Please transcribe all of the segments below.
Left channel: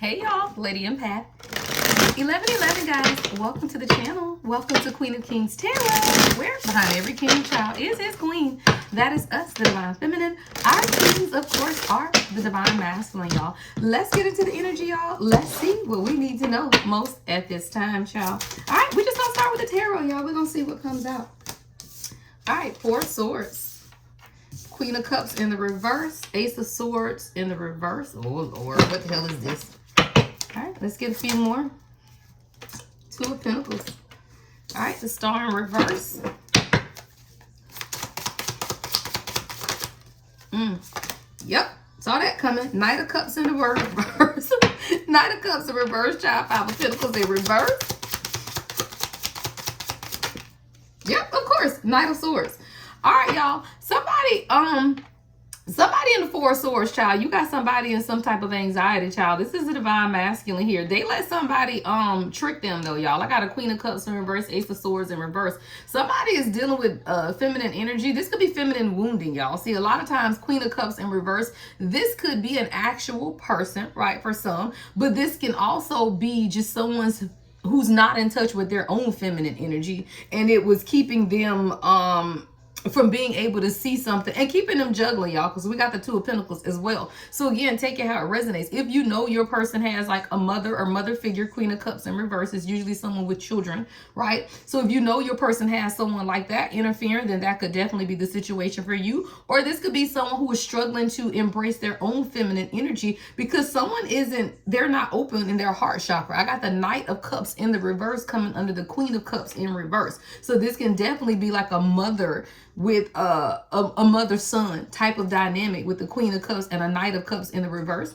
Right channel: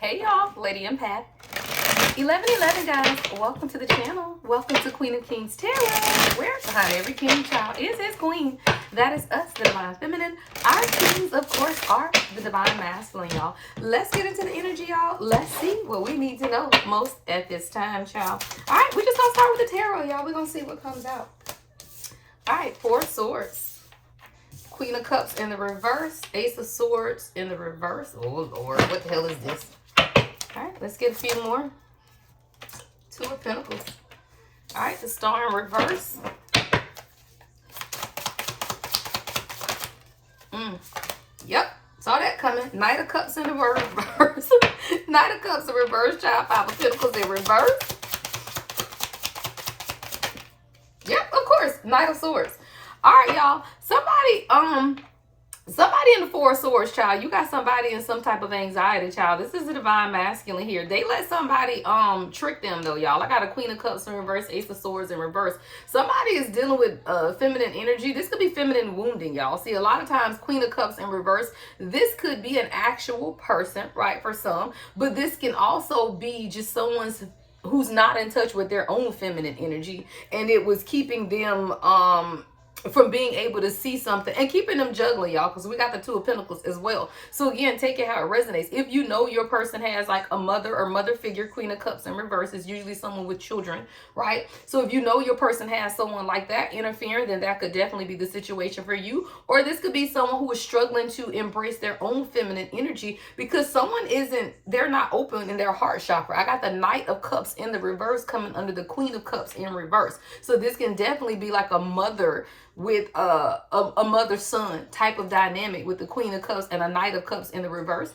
Hey y'all, Lady Empath. 1111 guys, welcome to the channel. Welcome to Queen of Kings Tarot, where behind every king child is his queen. That is us, the divine feminine. Our kings, of course, are the divine masculine, y'all. Let's get into the energy, y'all. Let's see what we need to know most at this time, y'all. All right, we're just gonna start with the tarot, y'all. We're gonna see what comes out. All right, Four of Swords, Queen of Cups in the reverse, Ace of Swords in the reverse. Oh Lord, what the hell is this? All right, let's get a few more. Two of Pentacles. All right, the Star in reverse. Yep, saw that coming. Knight of Cups in the reverse. Knight of Cups in reverse, child. Five of Pentacles in reverse. Yep, of course, Knight of Swords. All right, y'all. Somebody in the Four of Swords, child. You got somebody in some type of anxiety, child. This is the divine masculine here. They let somebody trick them though, y'all. I got a Queen of Cups in reverse, Ace of Swords in reverse. Somebody is dealing with feminine energy. This could be feminine wounding, y'all. See, a lot of times Queen of Cups in reverse, this could be an actual person, right, for some, but this can also be just someone's who's not in touch with their own feminine energy, and it was keeping them from being able to see something and keeping them juggling, y'all, because we got the Two of Pentacles as well. So again, take it how it resonates. If you know your person has like a mother or mother figure, Queen of Cups in reverse is usually someone with children, right? So if you know your person has someone like that interfering, then that could definitely be the situation for you. Or this could be someone who is struggling to embrace their own feminine energy because someone they're not open in their heart chakra. I got the Knight of Cups in the reverse coming under the Queen of Cups in reverse. So this can definitely be like a mother with a mother-son type of dynamic with the Queen of Cups and a Knight of Cups in the reverse.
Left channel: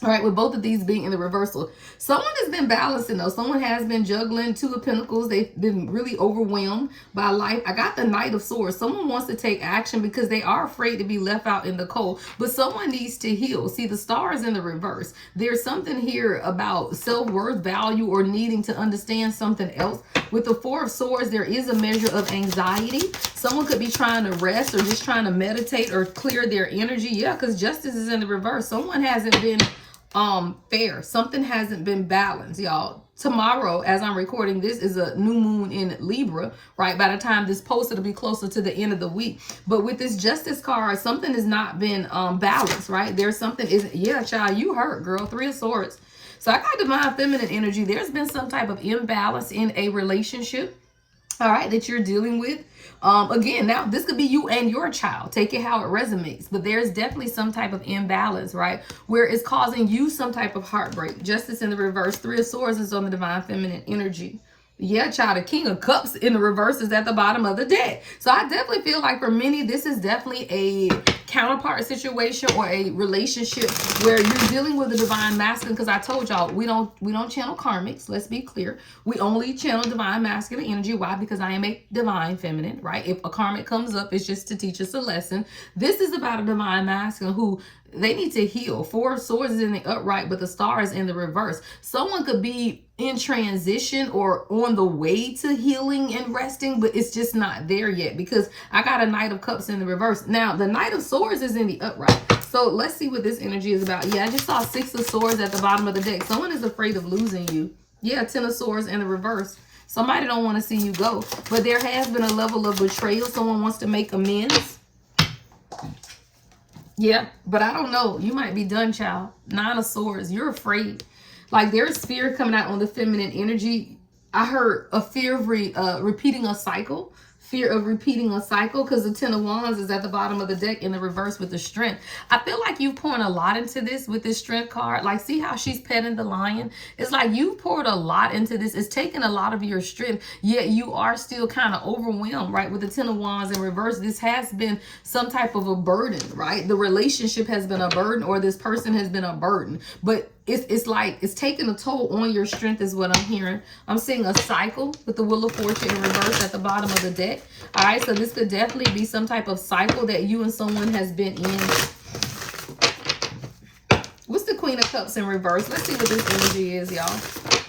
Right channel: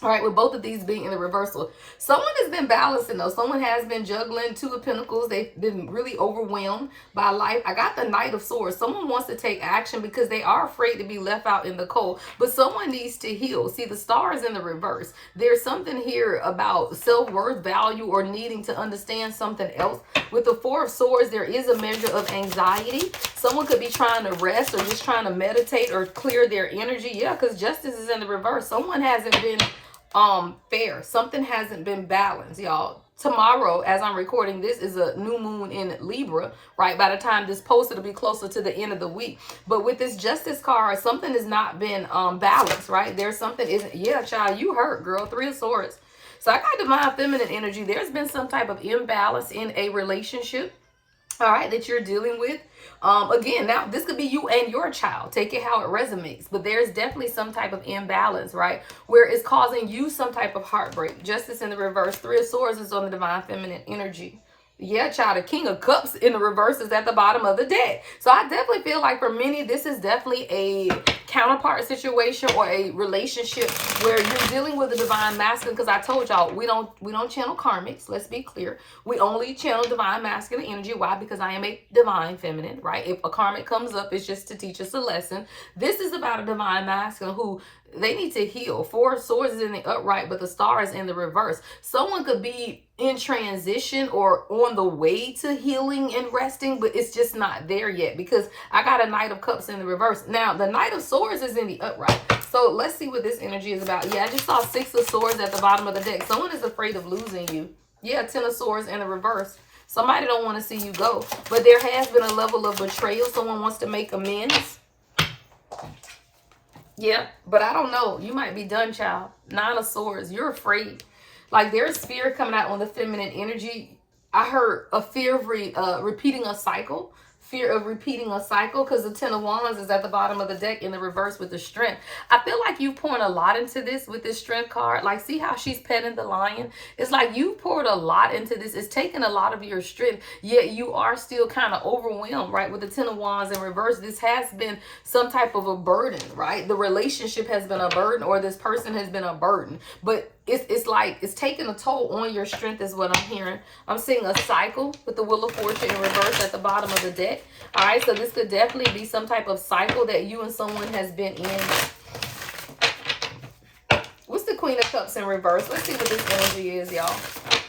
All right, with both of these being in the reversal, someone has been balancing though. Someone has been juggling. Two of Pentacles. They've been really overwhelmed by life. I got the Knight of Swords. Someone wants to take action because they are afraid to be left out in the cold, but someone needs to heal. See, the Star is in the reverse. There's something here about self-worth, value, or needing to understand something else. With the Four of Swords, there is a measure of anxiety. Someone could be trying to rest or just trying to meditate or clear their energy. Yeah, because Justice is in the reverse. Someone hasn't been fair. Something hasn't been balanced, y'all. Tomorrow, as I'm recording this, is a new moon in Libra, right? By the time this post, it'll be closer to the end of the week. But with this Justice card, something has not been balanced, right? There's something yeah, child, you hurt, girl. Three of Swords. So I got divine feminine energy. There's been some type of imbalance in a relationship, all right, that you're dealing with. Again, now this could be you and your child. Take it how it resonates. But there's definitely some type of imbalance, right? Where it's causing you some type of heartbreak. Justice in the reverse. Three of Swords is on the divine feminine energy. Yeah, child, the King of Cups in the reverse is at the bottom of the deck. So I definitely feel like for many, this is definitely a counterpart situation or a relationship where you're dealing with the divine masculine. Because I told y'all, we don't channel karmics. Let's be clear. We only channel divine masculine energy. Why? Because I am a divine feminine, right? If a karmic comes up, it's just to teach us a lesson. This is about a divine masculine who they need to heal. Four of Swords is in the upright, but the Star is in the reverse. Someone could be in transition or on the way to healing and resting, but it's just not there yet because I got a Knight of Cups in the reverse. Now, the Knight of Swords is in the upright. So let's see what this energy is about. Yeah, I just saw Six of Swords at the bottom of the deck. Someone is afraid of losing you. Yeah, Ten of Swords in the reverse. Somebody don't want to see you go, but there has been a level of betrayal. Someone wants to make amends. Yeah, but I don't know. You might be done, child. Nine of Swords. You're afraid. Like there's fear coming out on the feminine energy. I heard a fear of repeating a cycle. Fear of repeating a cycle because the Ten of Wands is at the bottom of the deck in the reverse with the Strength. I feel like you poured a lot into this with this Strength card. Like, see how she's petting the lion? It's like you poured a lot into this. It's taking a lot of your strength, yet you are still kind of overwhelmed, right? With the Ten of Wands in reverse, this has been some type of a burden, right? The relationship has been a burden or this person has been a burden. But it's like it's taking a toll on your strength is what I'm hearing. I'm seeing a cycle with the Wheel of Fortune in reverse at the bottom of the deck. All right, so this could definitely be some type of cycle that you and someone has been in. What's the Queen of Cups in reverse? Let's see what this energy is, y'all.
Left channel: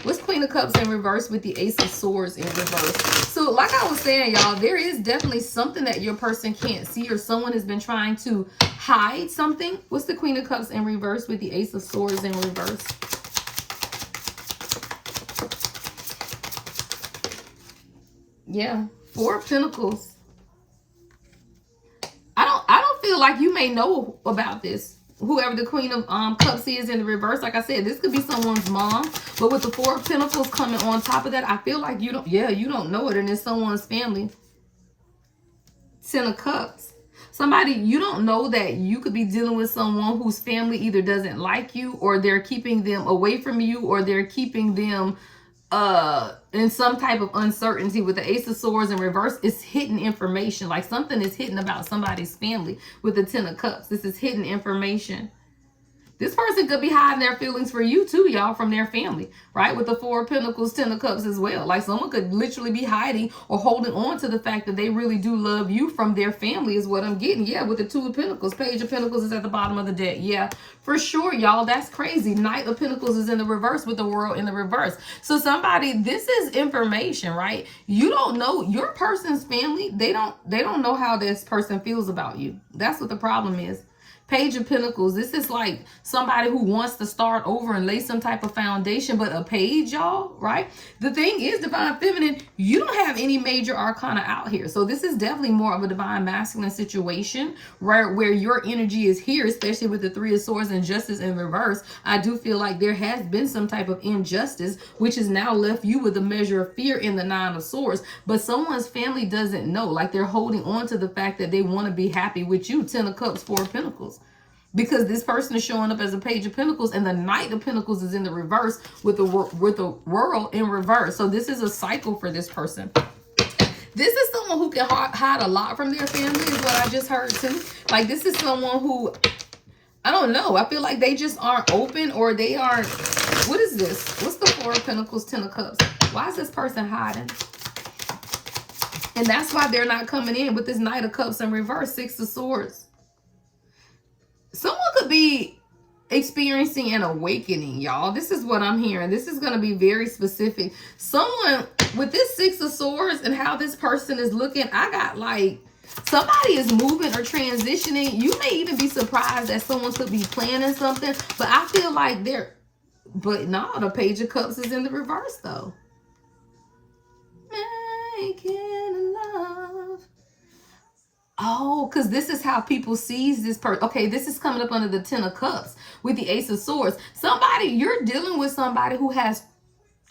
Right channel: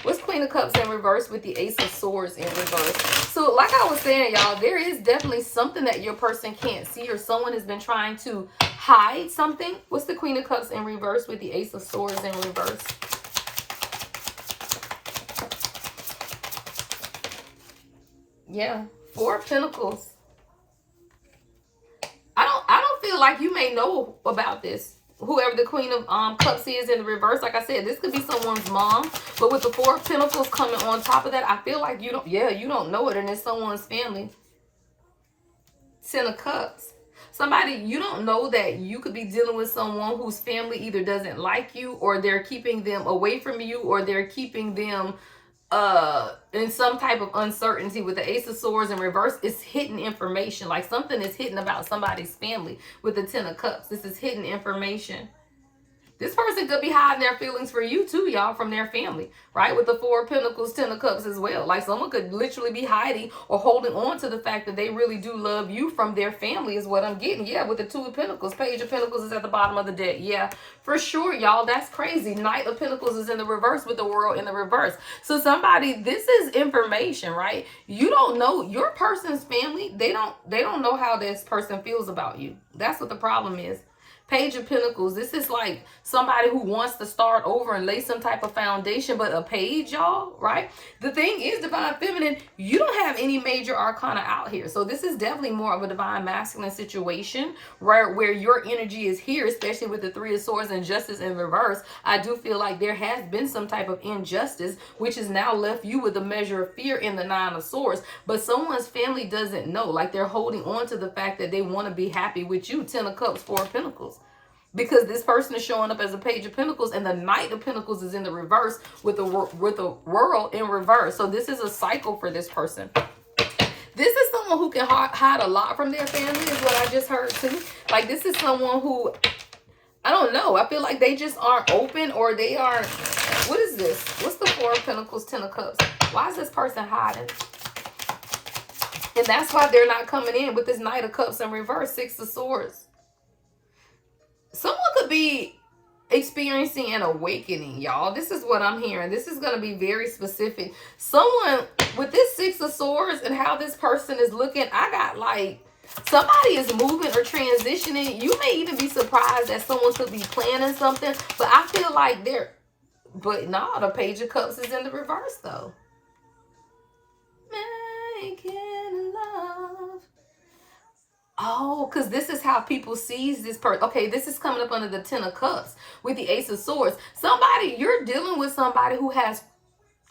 What's Queen of Cups in reverse with the Ace of Swords in reverse? So like I was saying, y'all, there is definitely something that your person can't see or someone has been trying to hide something. What's the Queen of Cups in reverse with the Ace of Swords in reverse? Yeah. Four of Pentacles. I don't feel like you may know about this. Whoever the Queen of Cups is in the reverse, like I said, this could be someone's mom. But with the Four of Pentacles coming on top of that, I feel like you don't, you don't know it, and it's someone's family. Ten of Cups. Somebody, you don't know that you could be dealing with someone whose family either doesn't like you, or they're keeping them away from you, or they're keeping them in some type of uncertainty. With the Ace of Swords in reverse, it's hidden information. Like something is hidden about somebody's family with the Ten of Cups. This is hidden information. This person could be hiding their feelings for you too, y'all, from their family, right? With the Four of Pentacles, Ten of Cups as well. Like someone could literally be hiding or holding on to the fact that they really do love you from their family is what I'm getting. Yeah, with the Two of Pentacles. Page of Pentacles is at the bottom of the deck. Yeah, for sure, y'all. That's crazy. Knight of Pentacles is in the reverse with the World in the reverse. So somebody, this is information, right? You don't know your person's family. They don't know how this person feels about you. That's what the problem is. Page of Pentacles. This is like somebody who wants to start over and lay some type of foundation, but a page, y'all, right? The thing is, Divine Feminine, you don't have any major arcana out here. So this is definitely more of a Divine Masculine situation, right? Where your energy is here, especially with the Three of Swords and Justice in reverse. I do feel like there has been some type of injustice, which has now left you with a measure of fear in the Nine of Swords. But someone's family doesn't know. Like they're holding on to the fact that they want to be happy with you. Ten of Cups, Four of Pentacles. Because this person is showing up as a Page of Pentacles, and the Knight of Pentacles is in the reverse with the World in reverse. So this is a cycle for this person. This is someone who can hide a lot from their family, is what I just heard too. Like this is someone who, I don't know, I feel like they just aren't open, or they aren't, what is this? What's the Four of Pentacles, Ten of Cups? Why is this person hiding? And that's why they're not coming in with this Knight of Cups in reverse, Six of Swords. Someone could be experiencing an awakening, y'all. This is what I'm hearing. This is going to be very specific. Someone with this Six of Swords and how this person is looking, I got like somebody is moving or transitioning. You may even be surprised that someone could be planning something, but I feel like they're, but no, the Page of Cups is in the reverse though. Making love. Oh, because this is how people sees this person. Okay, this is coming up under the Ten of Cups with the Ace of Swords. Somebody, you're dealing with somebody who has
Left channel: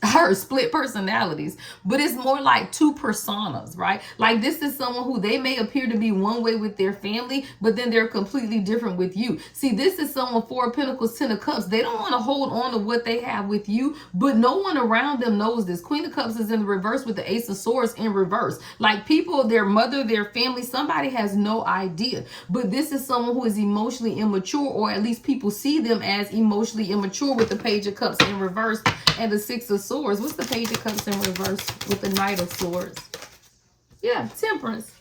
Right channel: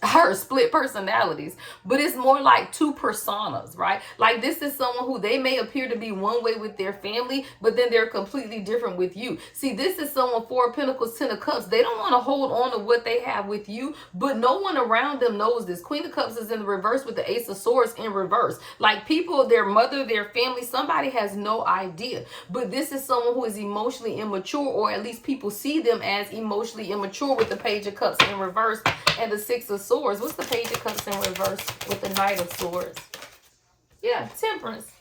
her split personalities, but it's more like two personas, right? Like this is someone who they may appear to be one way with their family, but then they're completely different with you. See, this is someone, Four of Pentacles, Ten of Cups. They don't want to hold on to what they have with you, but no one around them knows this. Queen of Cups is in reverse with the Ace of Swords in reverse. Like people, their mother, their family, somebody has no idea, but this is someone who is emotionally immature, or at least people see them as emotionally immature with the Page of Cups in reverse and the Six of Swords. What's the Page of Cups in reverse with the Knight of Swords? Yeah, Temperance.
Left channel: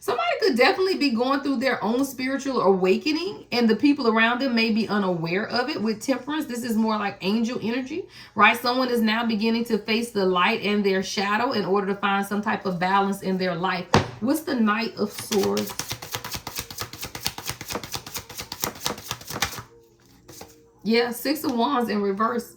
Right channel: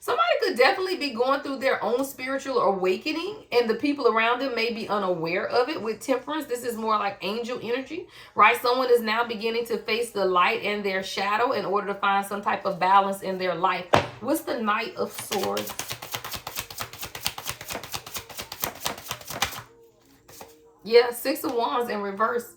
Somebody could definitely be going through their own spiritual awakening, and the people around them may be unaware of it. With Temperance, this is more like angel energy, right? Someone is now beginning to face the light and their shadow in order to find some type of balance in their life. What's the Knight of Swords? Yeah, Six of Wands in reverse.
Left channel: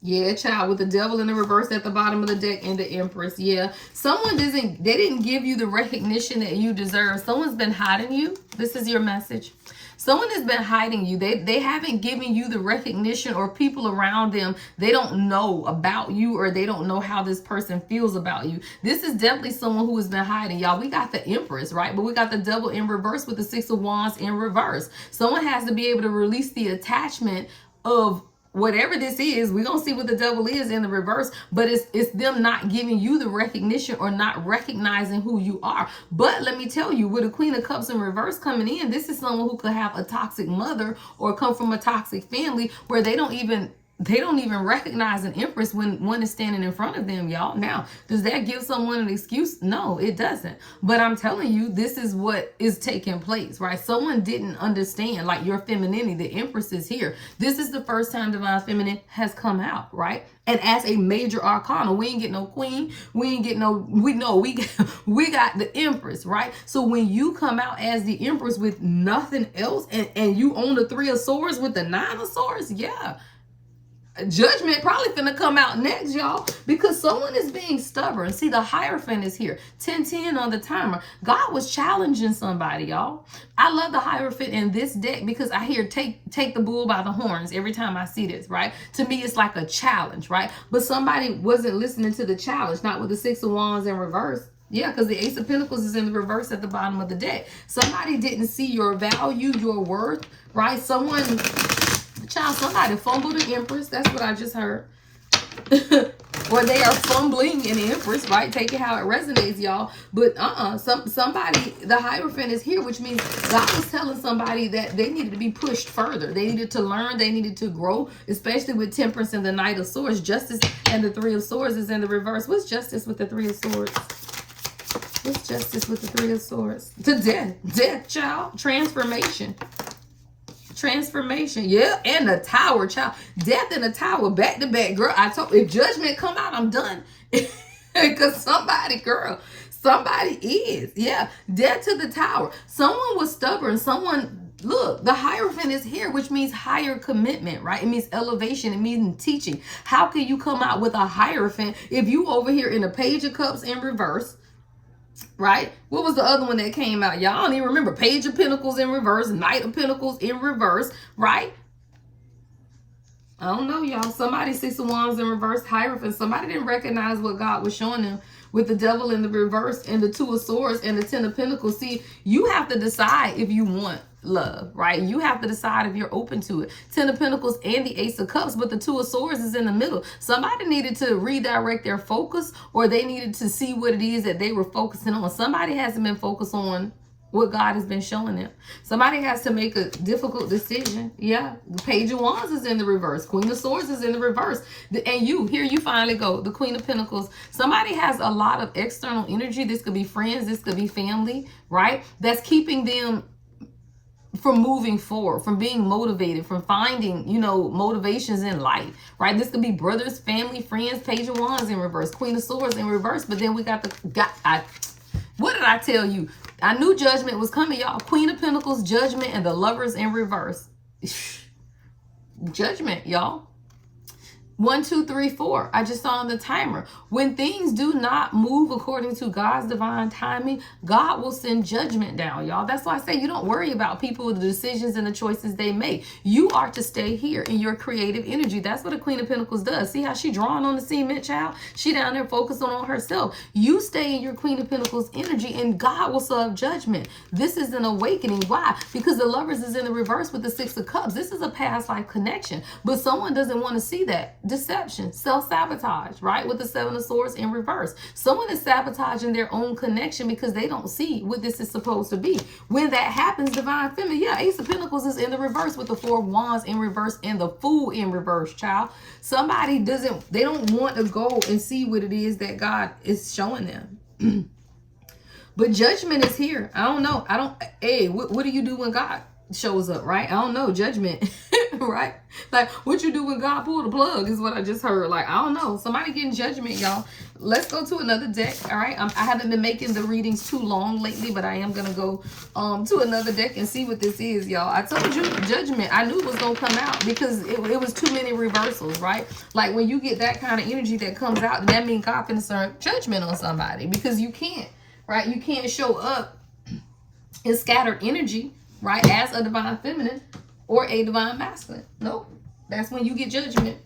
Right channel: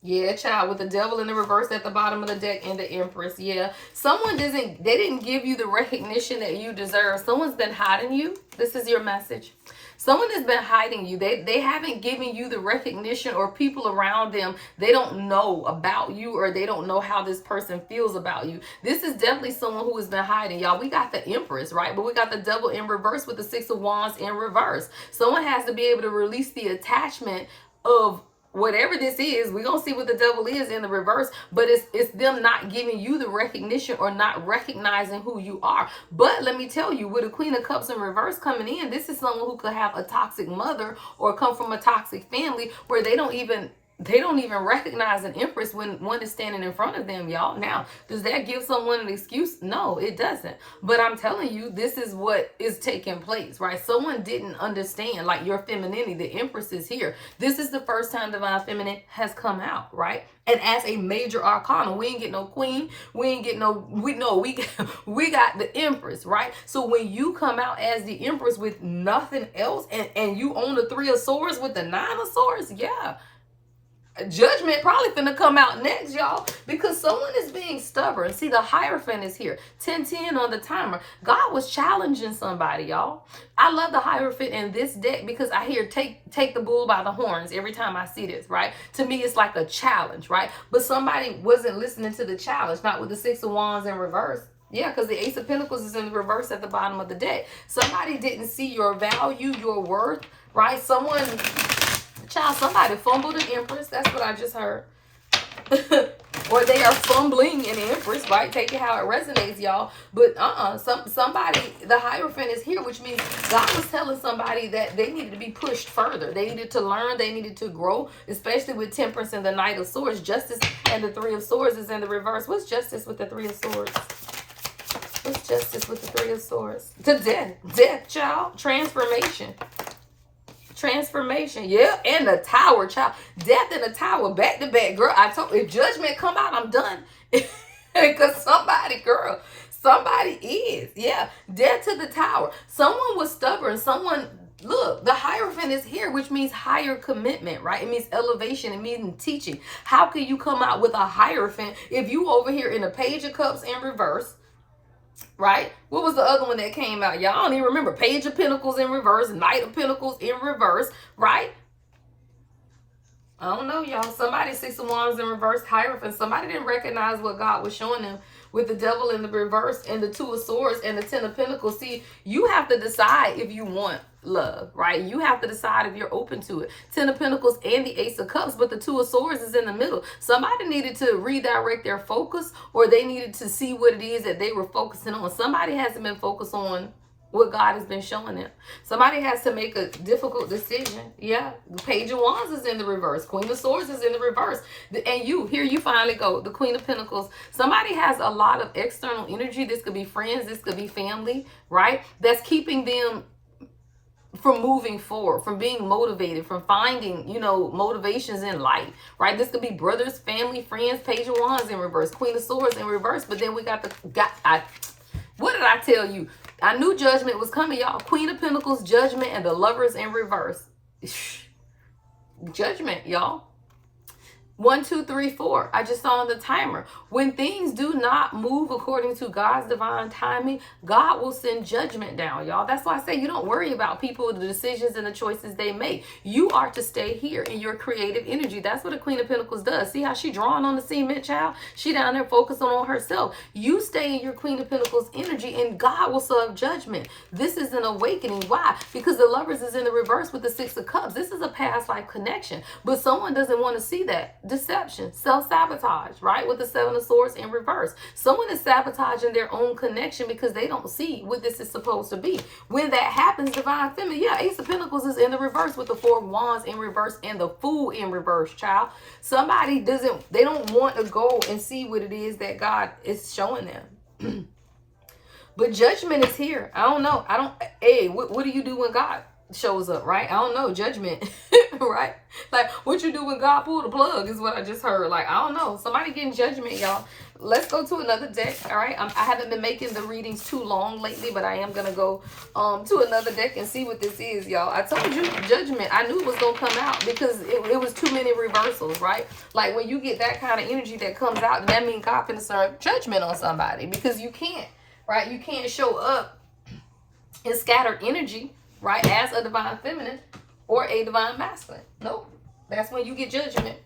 Yeah, child, with the Devil in the reverse at the bottom of the deck and the Empress. Yeah, someone they didn't give you the recognition that you deserve. Someone's been hiding you. This is your message. Someone has been hiding you. They haven't given you the recognition, or people around them, they don't know about you, or they don't know how this person feels about you. This is definitely someone who has been hiding, y'all. We got the Empress, right? But we got the Devil in reverse with the Six of Wands in reverse. Someone has to be able to release the attachment of whatever this is. We're going to see what the Devil is in the reverse, but it's them not giving you the recognition, or not recognizing who you are. But let me tell you, with a Queen of Cups in reverse coming in, this is someone who could have a toxic mother, or come from a toxic family where they don't even recognize an Empress when one is standing in front of them, y'all. Now, does that give someone an excuse? No, it doesn't. But I'm telling you, this is what is taking place, right? Someone didn't understand, like, your femininity. The Empress is here. This is the first time Divine Feminine has come out, right? And as a major arcana, we ain't get no queen. We ain't get no, we got the Empress, right? So when you come out as the Empress with nothing else, and you own the Three of Swords with the Nine of Swords, yeah. Judgment probably finna come out next, y'all, because someone is being stubborn. See, the Hierophant is here. 10-10 on the timer. God was challenging somebody, y'all. I love the Hierophant in this deck because I hear take the bull by the horns every time I see this, right? To me, it's like a challenge, right? But somebody wasn't listening to the challenge, not with the Six of Wands in reverse. Yeah, because the Ace of Pentacles is in the reverse at the bottom of the deck. Somebody didn't see your value, your worth, right? Somebody fumbled an Empress. That's what I just heard. Or they are fumbling an Empress, right? Take it how it resonates, y'all. But somebody, the Hierophant is here, which means God was telling somebody that they needed to be pushed further. They needed to learn. They needed to grow, especially with Temperance and the Knight of Swords. Justice and the Three of Swords is in the reverse. What's Justice with the Three of Swords? What's Justice with the Three of Swords? To death. Death, child. Transformation. Transformation, yeah, and the Tower, child. Death and the Tower, back to back, girl. I told you, if Judgment come out, I'm done. Because somebody is, yeah. Death to the Tower. Someone was stubborn. Look, the Hierophant is here, which means higher commitment, right? It means elevation. It means teaching. How can you come out with a Hierophant if you over here in a Page of Cups in reverse? Right? What was the other one that came out? Y'all don't even remember. Page of Pentacles in reverse, Knight of Pentacles in reverse, right? I don't know, y'all. Somebody, Six of Wands in reverse, Hierophant. Somebody didn't recognize what God was showing them with the Devil in the reverse and the Two of Swords and the Ten of Pentacles. See, you have to decide if you want love, right? You have to decide if you're open to it. Ten of Pentacles and the Ace of Cups, but the Two of Swords is in the middle. Somebody needed to redirect their focus, or they needed to see what it is that they were focusing on. Somebody hasn't been focused on what God has been showing them. Somebody has to make a difficult decision. Yeah. The Page of Wands is in the reverse. Queen of Swords is in the reverse. And here you finally go. The Queen of Pentacles. Somebody has a lot of external energy. This could be friends. This could be family, right? That's keeping them from moving forward, from being motivated, from finding, motivations in life, right? This could be brothers, family, friends. Page of Wands in reverse. Queen of Swords in reverse. But then we got what did I tell you? I knew Judgment was coming, y'all. Queen of Pentacles, Judgment, and the Lovers in reverse. Judgment, y'all. 1, 2, 3, 4. I just saw on the timer. When things do not move according to God's divine timing, God will send judgment down, y'all. That's why I say you don't worry about people, the decisions and the choices they make. You are to stay here in your creative energy. That's what a Queen of Pentacles does. See how she drawing on the cement, child? She down there focusing on herself. You stay in your Queen of Pentacles energy and God will serve judgment. This is an awakening. Why? Because the Lovers is in the reverse with the Six of Cups. This is a past life connection, but someone doesn't want to see that. Deception, self-sabotage, right? With the Seven of Swords in reverse. Someone is sabotaging their own connection because they don't see what this is supposed to be. When that happens, Divine Feminine, yeah, Ace of Pentacles is in the reverse with the Four of Wands in reverse and the Fool in reverse, child. Somebody they don't want to go and see what it is that God is showing them. But judgment is here. I don't know. What do you do when God shows up, right? I don't know. Judgment, right? Like, what you do when God pull the plug is what I just heard. Like, I don't know. Somebody getting judgment, y'all. Let's go to another deck, all right? I haven't been making the readings too long lately, but I am going to go to another deck and see what this is, y'all. I told you, judgment. I knew it was going to come out because it was too many reversals, right? Like, when you get that kind of energy that comes out, that means God finna serve judgment on somebody because you can't, right? You can't show up in scattered energy, right, as a Divine Feminine or a Divine Masculine. Nope. That's when you get judgment.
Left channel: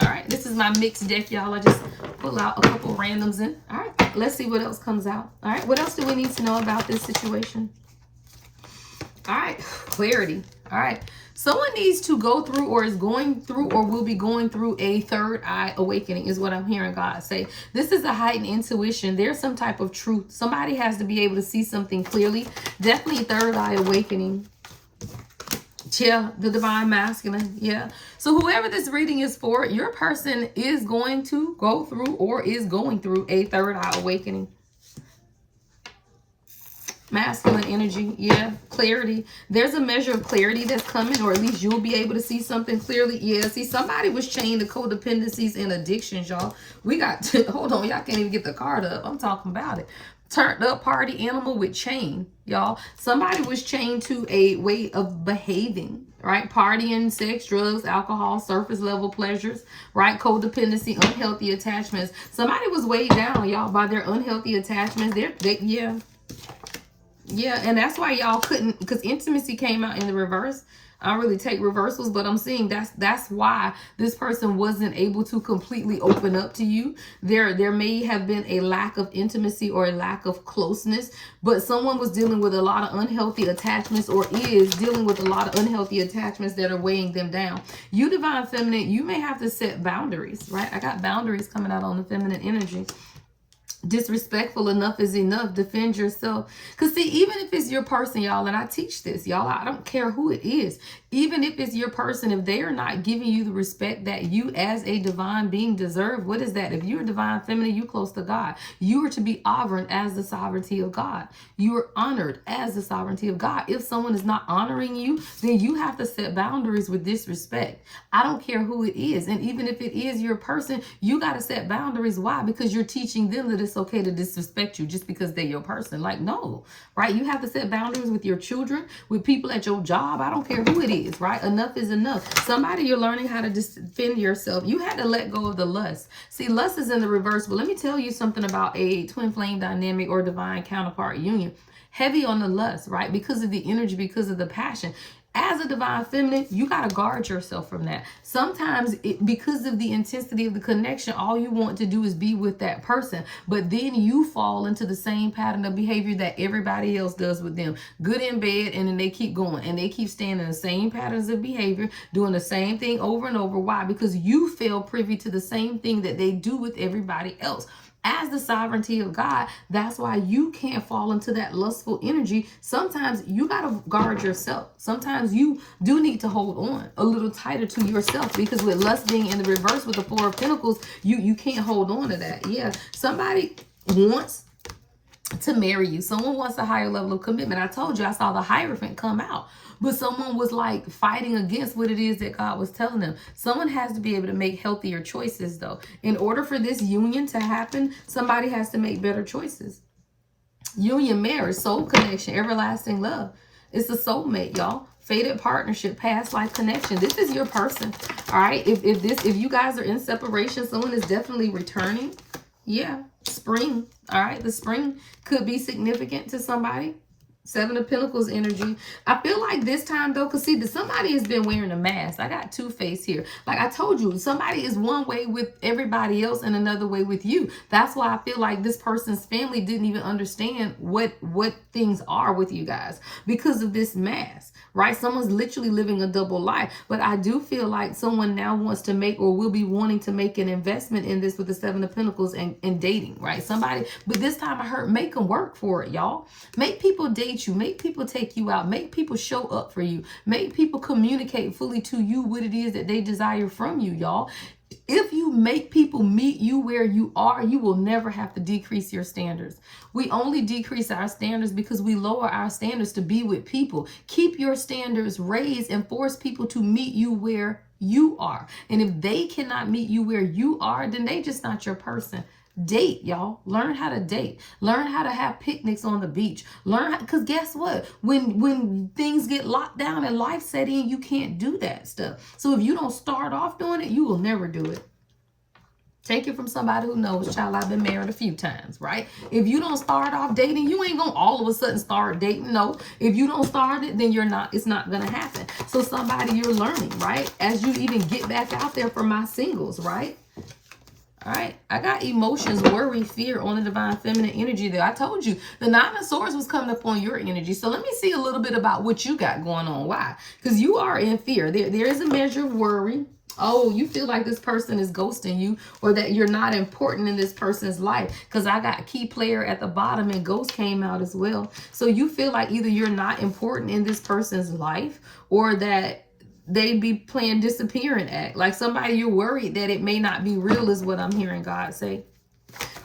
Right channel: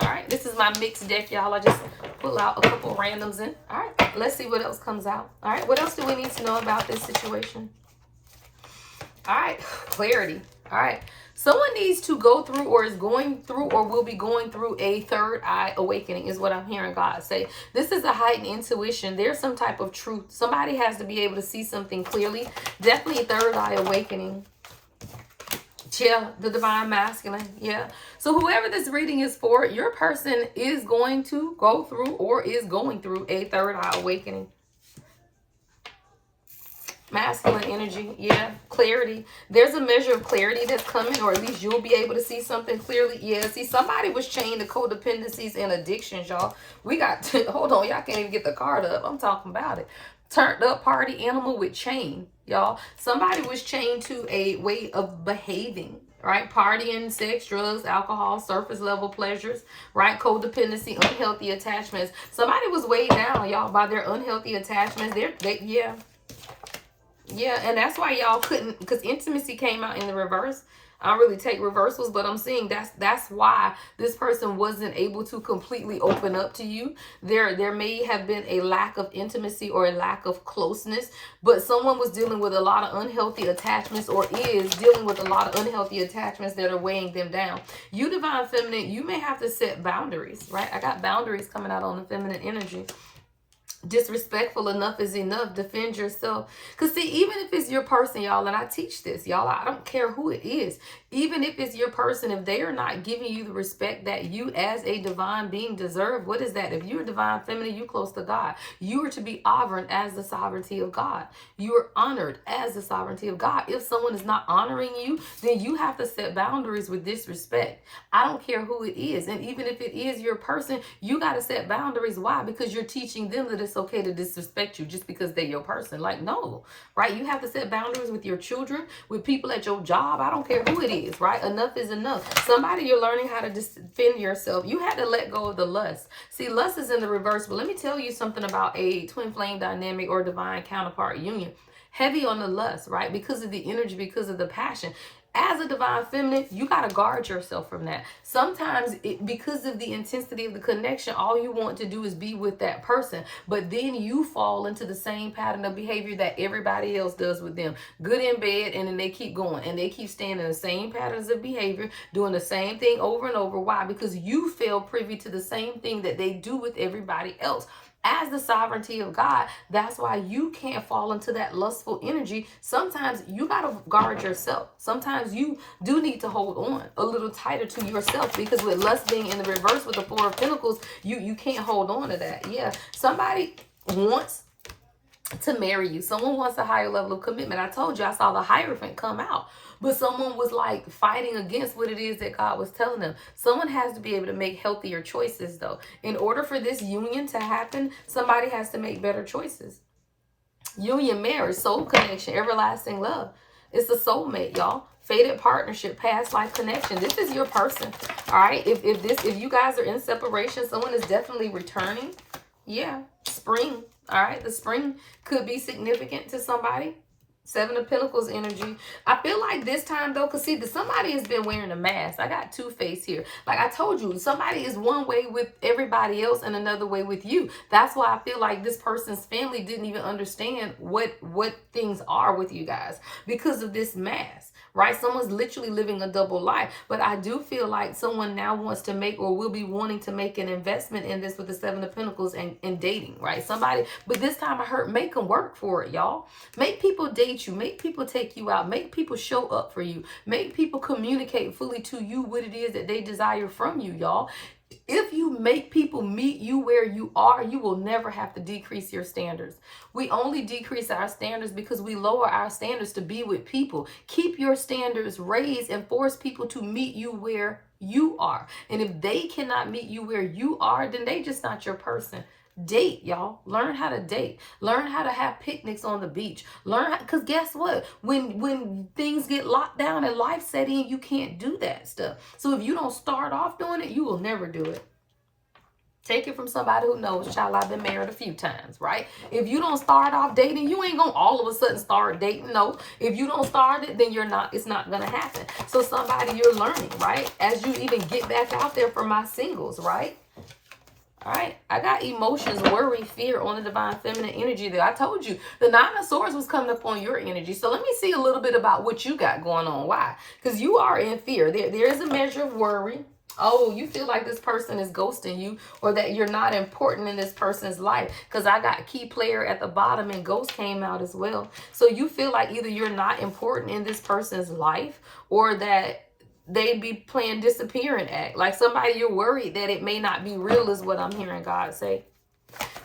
All right. This is my mixed deck, y'all. I just pull out a couple randoms in. All right. Let's see what else comes out. All right. What else do we need to know about this situation? All right. Clarity. All right. Someone needs to go through or is going through or will be going through a third eye awakening is what I'm hearing God say. This is a heightened intuition. There's some type of truth. Somebody has to be able to see something clearly. Definitely third eye awakening. Yeah, the Divine Masculine. Yeah. So whoever this reading is for, your person is going to go through or is going through a third eye awakening. Masculine energy, yeah, clarity. There's a measure of clarity that's coming, or at least you'll be able to see something clearly. Yeah, see, somebody was chained to codependencies and addictions, y'all. We got, hold on, y'all can't even get the card up. I'm talking about it. turned up party animal with chain, y'all. Somebody was chained to a way of behaving, right? Partying, sex, drugs, alcohol, surface level pleasures, right? Codependency, unhealthy attachments. Somebody was weighed down, y'all, by their unhealthy attachments. Yeah, and that's why y'all couldn't, because intimacy came out in the reverse. I don't really take reversals, but I'm seeing that's why this person wasn't able to completely open up to you. There may have been a lack of intimacy or a lack of closeness, but someone was dealing with a lot of unhealthy attachments, or is dealing with a lot of unhealthy attachments that are weighing them down. You divine feminine, you may have to set boundaries, right? I got boundaries coming out on the feminine energy. Disrespectful enough is enough. Defend yourself. Because see, even if it's your person, y'all, and I teach this, y'all, I don't care who it is. Even if it's your person, if they are not giving you the respect that you as a divine being deserve, what is that? If you're a divine feminine, you close to God. You are to be honored as the sovereignty of God. You are honored as the sovereignty of God. If someone is not honoring you, then you have to set boundaries with disrespect. I don't care who it is. And even if it is your person, you got to set boundaries. Why? Because you're teaching them that it's okay to disrespect you just because they're your person. Like, no, right? You have to set boundaries with your children, with people at your job. I don't care who it is, right? Enough is enough. Somebody, you're learning how to defend yourself. You had to let go of the lust. See, lust is in the reverse. But let me tell you something about a twin flame dynamic or divine counterpart union. Heavy on the lust, right? Because of the energy, because of the passion. As a divine feminine, you got to guard yourself from that. Sometimes, because of the intensity of the connection, all you want to do is be with that person. But then you fall into the same pattern of behavior that everybody else does with them. Good in bed, and then they keep going. And they keep staying in the same patterns of behavior, doing the same thing over and over. Why? Because you feel privy to the same thing that they do with everybody else. As the sovereignty of God, that's why you can't fall into that lustful energy. Sometimes you got to guard yourself. Sometimes you do need to hold on a little tighter to yourself, because with lust being in the reverse with the Four of Pentacles, you can't hold on to that. Yeah, somebody wants to marry you. Someone wants a higher level of commitment. I told you I saw the Hierophant come out. But someone was like fighting against what it is that God was telling them. Someone has to be able to make healthier choices, though. In order for this union to happen, somebody has to make better choices. Union, marriage, soul connection, everlasting love. It's a soulmate, y'all. Fated partnership, past life connection. This is your person. All right. If you guys are in separation, someone is definitely returning. Yeah. Spring. All right. The spring could be significant to somebody. Seven of Pentacles energy. I feel like this time, though, because see, somebody has been wearing a mask. I got two-face here. Like I told you, somebody is one way with everybody else and another way with you. That's why I feel like this person's family didn't even understand what things are with you guys because of this mask. Right? Someone's literally living a double life. But I do feel like someone now wants to make, or will be wanting to make, an investment in this with the Seven of Pentacles and dating, right? Somebody, but this time I heard make them work for it, y'all. Make people date you. Make people take you out. Make people show up for you. Make people communicate fully to you what it is that they desire from you, y'all. If you make people meet you where you are, you will never have to decrease your standards. We only decrease our standards because we lower our standards to be with people. Keep your standards raised and force people to meet you where you are. And if they cannot meet you where you are, then they just not your person. Date, y'all. Learn how to date. Learn how to have picnics on the beach. Learn how, because guess what? When things get locked down and life set in, you can't do that stuff. So if you don't start off doing it, you will never do it. Take it from somebody who knows, child, I've been married a few times, right? If you don't start off dating, you ain't gonna all of a sudden start dating. No, if you don't start it, then it's not gonna happen. So somebody you're learning, right? As you even get back out there for my singles, right? All right, I got emotions, worry, fear on the divine feminine energy there. I told you the Nine of Swords was coming up on your energy. So let me see a little bit about what you got going on. Why? Because you are in fear. There is a measure of worry. Oh, you feel like this person is ghosting you, or that you're not important in this person's life. Because I got key player at the bottom and ghost came out as well. So you feel like either you're not important in this person's life, or that they be playing disappearing act. Like somebody you're worried that it may not be real is what I'm hearing God say.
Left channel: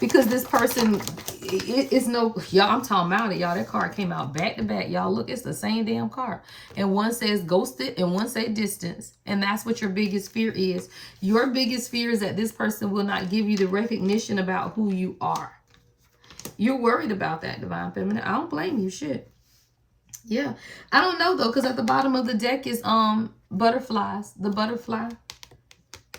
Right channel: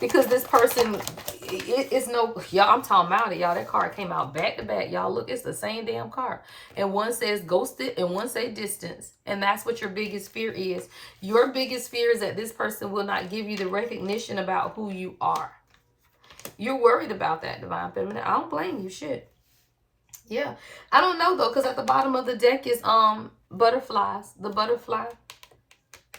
Because this person, it's no, y'all, I'm talking about it, y'all. That card came out back to back, y'all. Look, it's the same damn card. And one says ghosted and one says distance. And that's what your biggest fear is. Your biggest fear is that this person will not give you the recognition about who you are. You're worried about that, Divine Feminine. I don't blame you. Shit. Yeah. I don't know, though, because at the bottom of the deck is butterflies. The butterfly.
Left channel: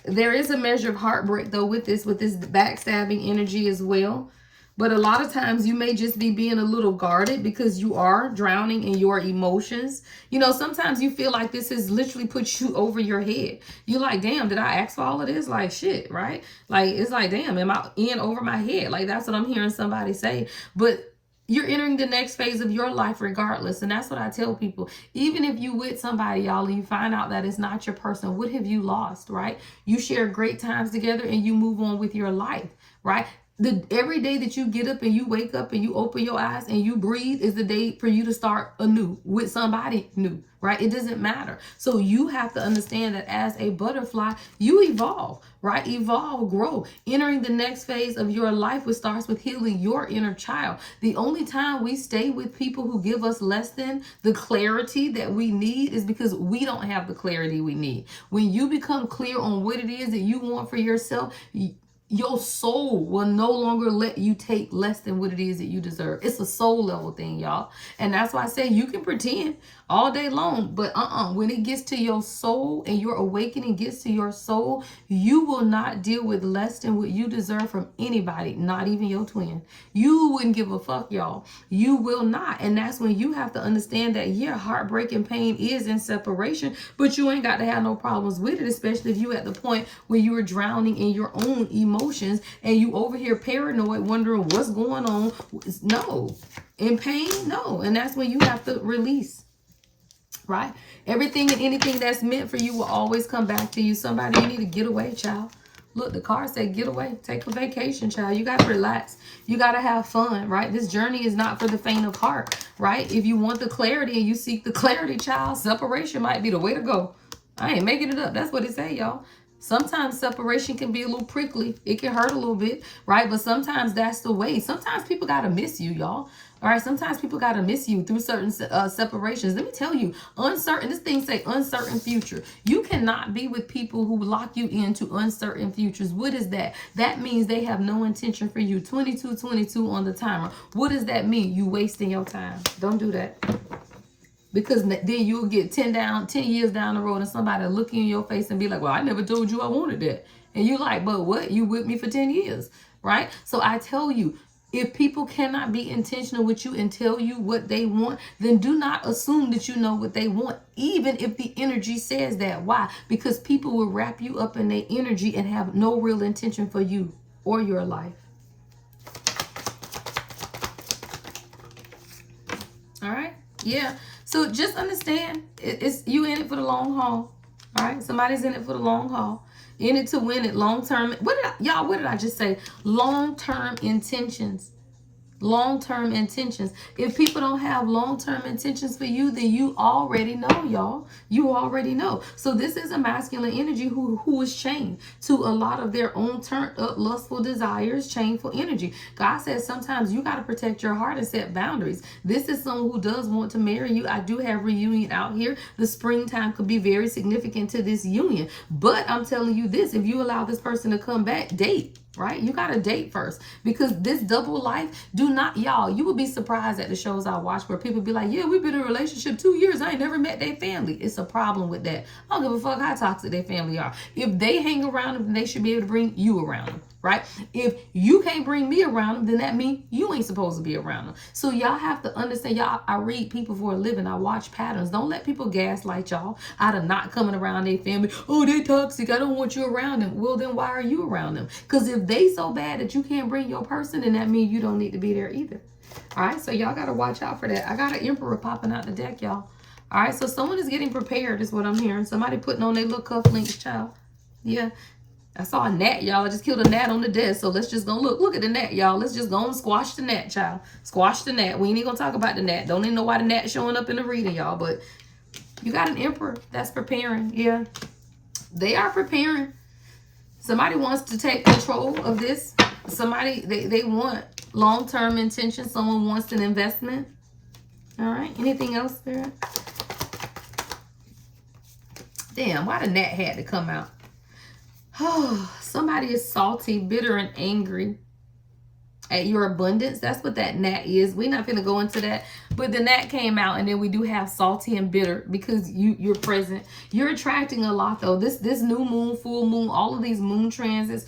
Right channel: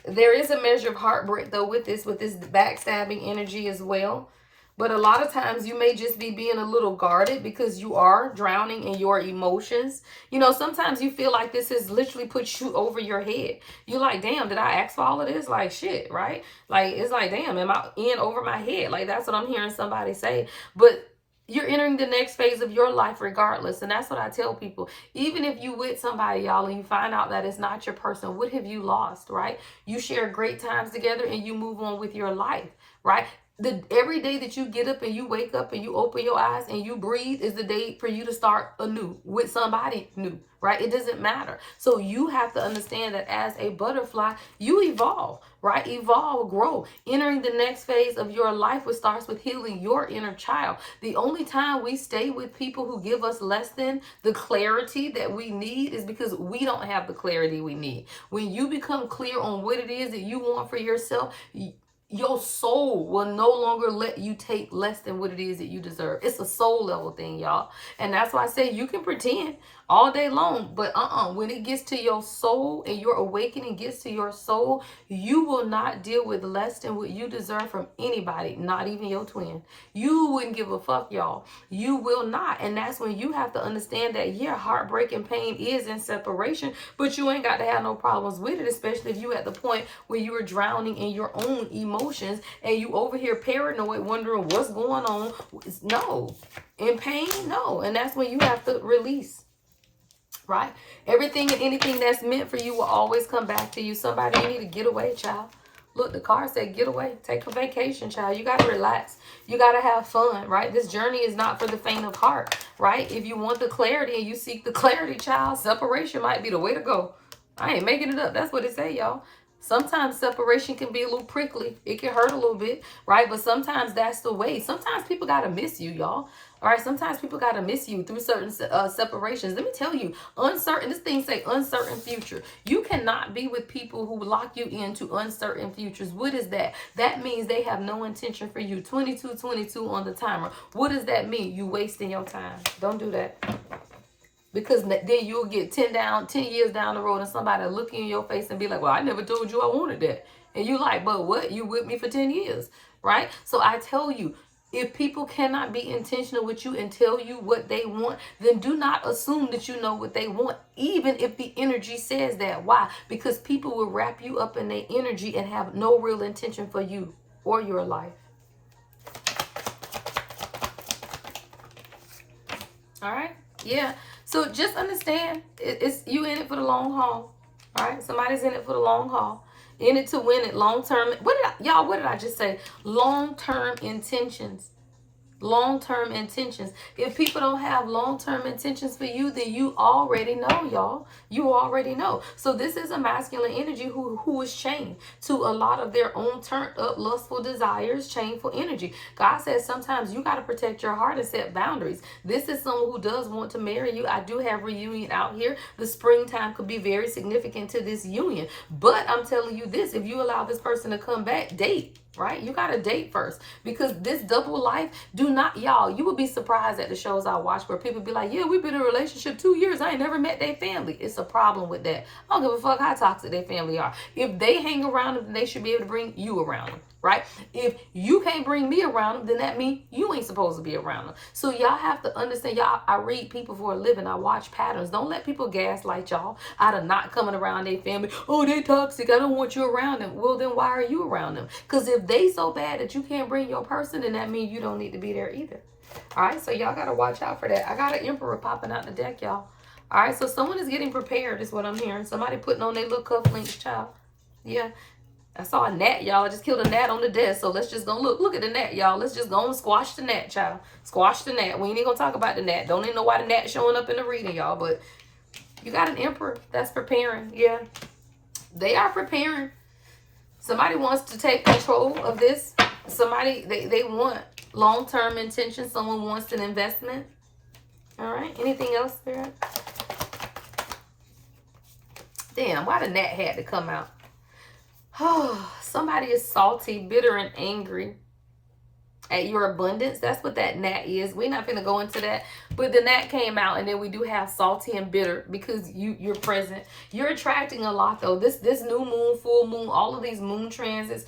There is a measure of heartbreak, though, with this backstabbing energy as well. But a lot of times you may just be being a little guarded because you are drowning in your emotions. You know, sometimes you feel like this has literally put you over your head. You're like, damn, did I ask for all of this? Like, shit, right? Like, it's like, damn, am I in over my head? Like, that's what I'm hearing somebody say. But you're entering the next phase of your life regardless. And that's what I tell people. Even if you with somebody, y'all, and you find out that it's not your person, what have you lost, right? You share great times together and you move on with your life, right? Every day that you get up and you wake up and you open your eyes and you breathe is the day for you to start anew with somebody new, right? It doesn't matter. So you have to understand that as a butterfly, you evolve, right? Evolve, grow, entering the next phase of your life, which starts with healing your inner child. The only time we stay with people who give us less than the clarity that we need is because we don't have the clarity we need. When you become clear on what it is that you want for yourself, your soul will no longer let you take less than what it is that you deserve. It's a soul level thing, y'all. And that's why I say you can pretend all day long, but when it gets to your soul and your awakening gets to your soul, you will not deal with less than what you deserve from anybody, not even your twin. You wouldn't give a fuck, y'all. You will not. And that's when you have to understand that, yeah, heartbreak and pain is in separation, but you ain't got to have no problems with it, especially if you at the point where you are drowning in your own emotions and you over here paranoid, wondering what's going on. No. In pain, no. And that's when you have to release. Right? Everything and anything that's meant for you will always come back to you. Somebody, you need to get away, child. Look, the card said get away. Take a vacation, child. You got to relax. You got to have fun, right? This journey is not for the faint of heart, right? If you want the clarity and you seek the clarity, child, separation might be the way to go. I ain't making it up. That's what it say, y'all. Sometimes separation can be a little prickly. It can hurt a little bit, right? But sometimes that's the way. Sometimes people got to miss you, y'all. All right, sometimes people got to miss you through certain separations. Let me tell you, this thing say uncertain future. You cannot be with people who lock you into uncertain futures. What is that? That means they have no intention for you. 22:22 on the timer. What does that mean? You wasting your time. Don't do that. Because then you'll get 10 years down the road and somebody will look you in your face and be like, well, I never told you I wanted that. And you're like, but what? You with me for 10 years, right? So I tell you, if people cannot be intentional with you and tell you what they want, then do not assume that you know what they want, even if the energy says that. Why? Because people will wrap you up in their energy and have no real intention for you or your life. All right? Yeah. So just understand, it's you in it for the long haul. All right? Somebody's in it for the long haul. In it to win it, long-term. What did I just say? Long-term intentions. Long-term intentions. If people don't have long-term intentions for you, then you already know, y'all. You already know. So this is a masculine energy who is chained to a lot of their own turned up lustful desires, chainful energy. God says sometimes you got to protect your heart and set boundaries. This is someone who does want to marry you. I do have reunion out here. The springtime could be very significant to this union. But I'm telling you this, if you allow this person to come back, date. Right? You got to date first, because this double life, y'all, you would be surprised at the shows I watch where people be like, yeah, we've been in a relationship 2 years. I ain't never met their family. It's a problem with that. I don't give a fuck how toxic their family are. If they hang around them, then they should be able to bring you around them. Right? If you can't bring me around them, then that means you ain't supposed to be around them. So y'all have to understand, y'all, I read people for a living. I watch patterns. Don't let people gaslight y'all out of not coming around their family. Oh, they toxic. I don't want you around them. Well, then why are you around them? Because if they so bad that you can't bring your person, then that means you don't need to be there either. All right, so y'all got to watch out for that. I got an emperor popping out the deck, y'all. All right, so someone is getting prepared is what I'm hearing. Somebody putting on their little cufflinks, child. Yeah. I saw a gnat, y'all. I just killed a gnat on the desk. So let's just go look at the gnat, y'all. Let's just go and squash the gnat, child. Squash the gnat. We ain't even gonna talk about the gnat. Don't even know why the gnat showing up in the reading, y'all. But you got an emperor that's preparing. Yeah. They are preparing. Somebody wants to take control of this. Somebody, they want long-term intention. Someone wants an investment. All right. Anything else, Spirit? Damn, why the gnat had to come out? Oh, somebody is salty, bitter, and angry. at your abundance. That's what that gnat is. We're not going to go into that, but the gnat came out, and then we do have salty and bitter because you're present. You're attracting a lot though. This new moon, full moon, all of these moon transits,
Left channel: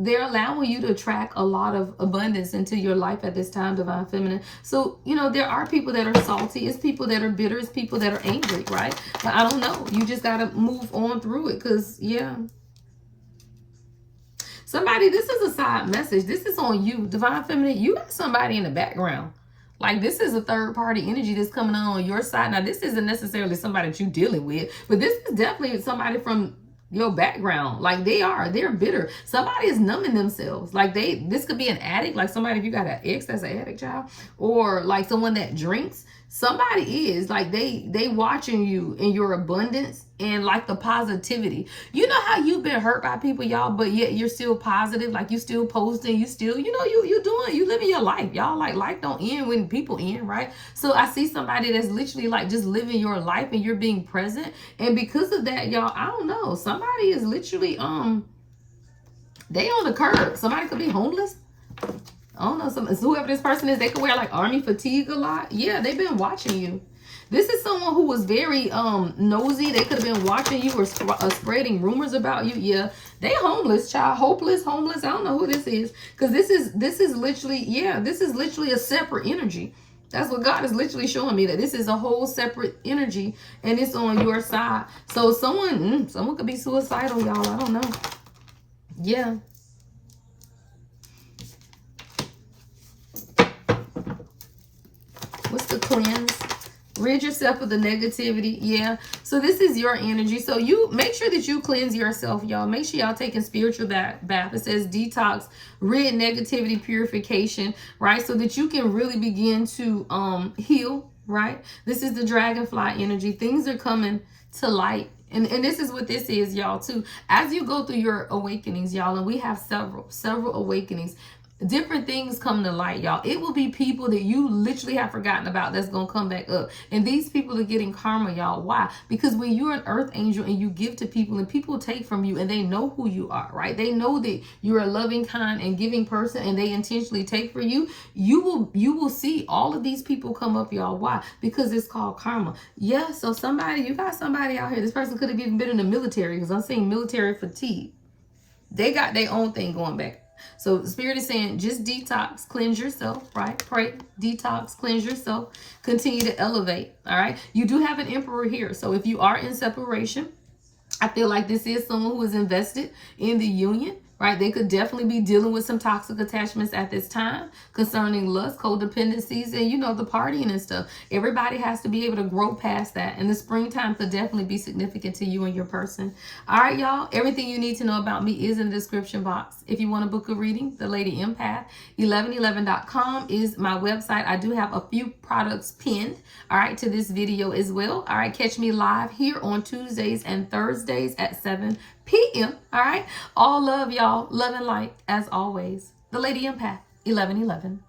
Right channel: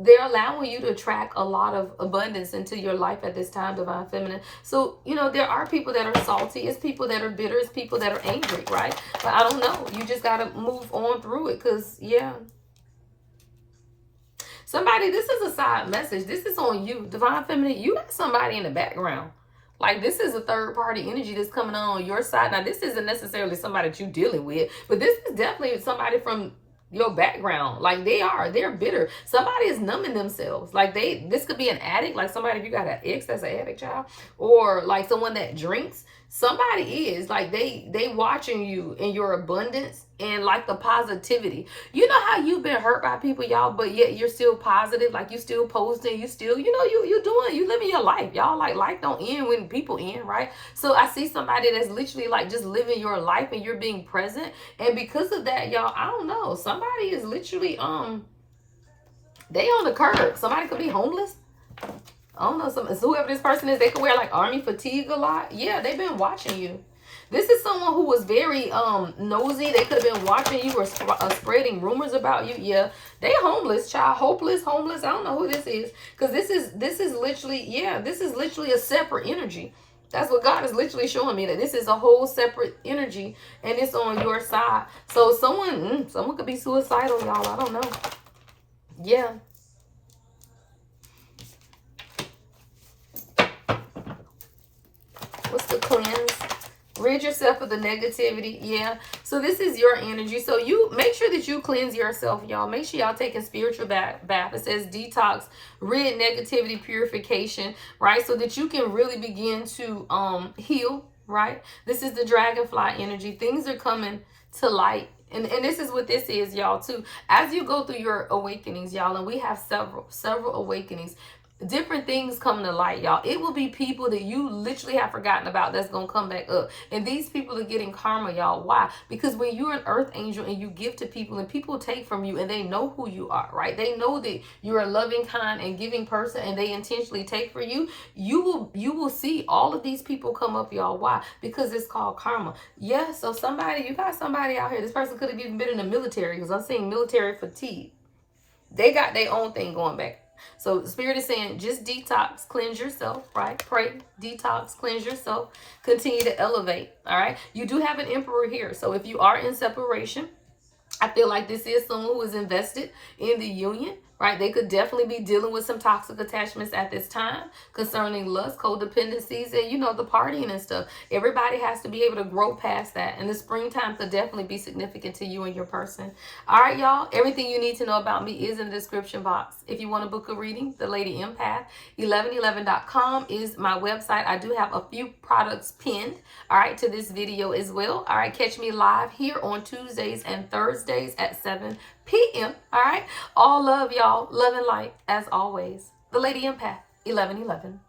they're allowing you to attract a lot of abundance into your life at this time, divine feminine. So, you know, there are people that are salty. It's people that are bitter. It's people that are angry, right? But I don't know. You just got to move on through it because, yeah. Somebody, this is a side message. This is on you, divine feminine. You got somebody in the background. Like, this is a third party energy that's coming on your side. Now, this isn't necessarily somebody that you're dealing with, but this is definitely somebody from your background. Like, they're bitter. Somebody is numbing themselves. Like, this could be an addict. Like, somebody, if you got an ex that's an addict, child, or like someone that drinks. Somebody is like, they watching you in your abundance and like the positivity. You know how you've been hurt by people, y'all, but yet you're still positive. Like, you still posting, you still, you know, you living your life, y'all. Like, life don't end when people end, right? So I see somebody that's literally like just living your life and you're being present. And because of that, y'all, I don't know, somebody is literally they on the curb. Somebody could be homeless. I don't know, whoever this person is, they could wear like army fatigue a lot. Yeah, they've been watching you. This is someone who was very nosy. They could have been watching you or spreading rumors about you. Yeah, they homeless, child. Hopeless, homeless. I don't know who this is. Because this is literally, yeah, this is literally a separate energy. That's what God is literally showing me, that this is a whole separate energy and it's on your side. So someone could be suicidal, y'all. I don't know. Yeah. What's the cleanse? Rid yourself of the negativity. Yeah. So this is your energy. So you make sure that you cleanse yourself, y'all. Make sure y'all taking spiritual bath. It says detox, rid negativity, purification, right? So that you can really begin to heal, right? This is the dragonfly energy. Things are coming to light. And this is what this is, y'all, too. As you go through your awakenings, y'all, and we have several awakenings, different things come to light, y'all. It will be people that you literally have forgotten about that's going to come back up. And these people are getting karma, y'all. Why? Because when you're an earth angel and you give to people and people take from you and they know who you are, right? They know that you're a loving, kind, and giving person and they intentionally take for you. You will see all of these people come up, y'all. Why? Because it's called karma. Yeah, so you got somebody out here. This person could have even been in the military because I'm seeing military fatigue. They got their own thing going back. So the Spirit is saying, just detox, cleanse yourself, right? Pray, detox, cleanse yourself, continue to elevate, all right? You do have an emperor here. So if you are in separation, I feel like this is someone who is invested in the union, right? They could definitely be dealing with some toxic attachments at this time concerning lust, codependencies, and, you know, the partying and stuff. Everybody has to be able to grow past that. And the springtime could definitely be significant to you and your person. All right, y'all. Everything you need to know about me is in the description box. If you want to book a reading, The Lady Empath, 1111.com is my website. I do have a few products pinned, all right, to this video as well. All right, catch me live here on Tuesdays and Thursdays at 7 p.m. All right. All love, y'all. Love and light as always. The Lady Empath, 1111.